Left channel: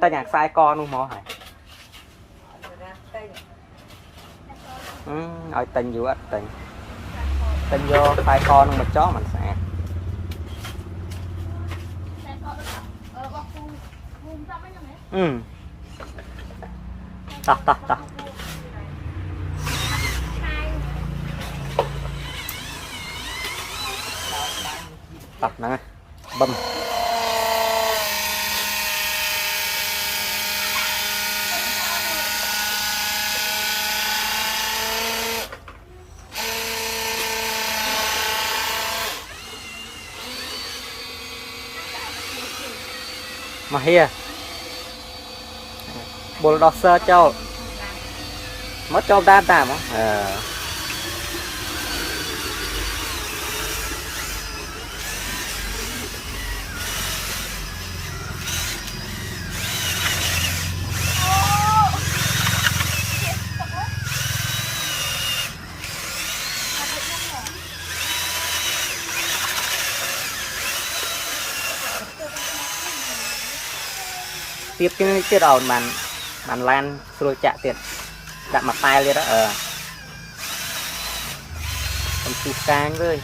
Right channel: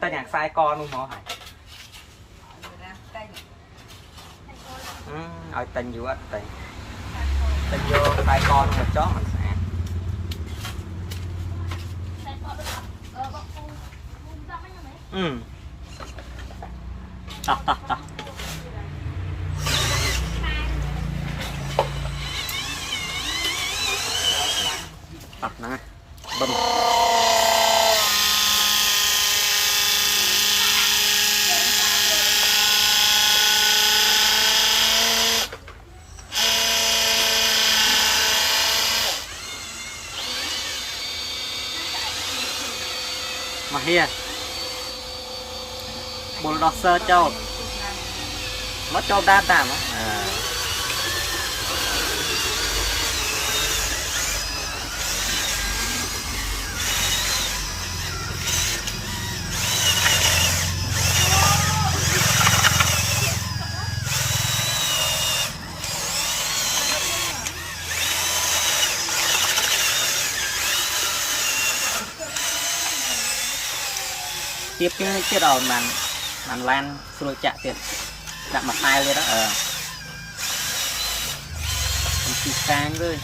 ta nhạc sai con luôn mò hả ở tình vô tình tình vô sai con một chó mình sẽ tao tập nè bấm mà hia bulldozer cho mất cho ta tạm á tiếp đầu bạn lan rồi chạy tiền đặt mặt tay lên đó mình xịt sang với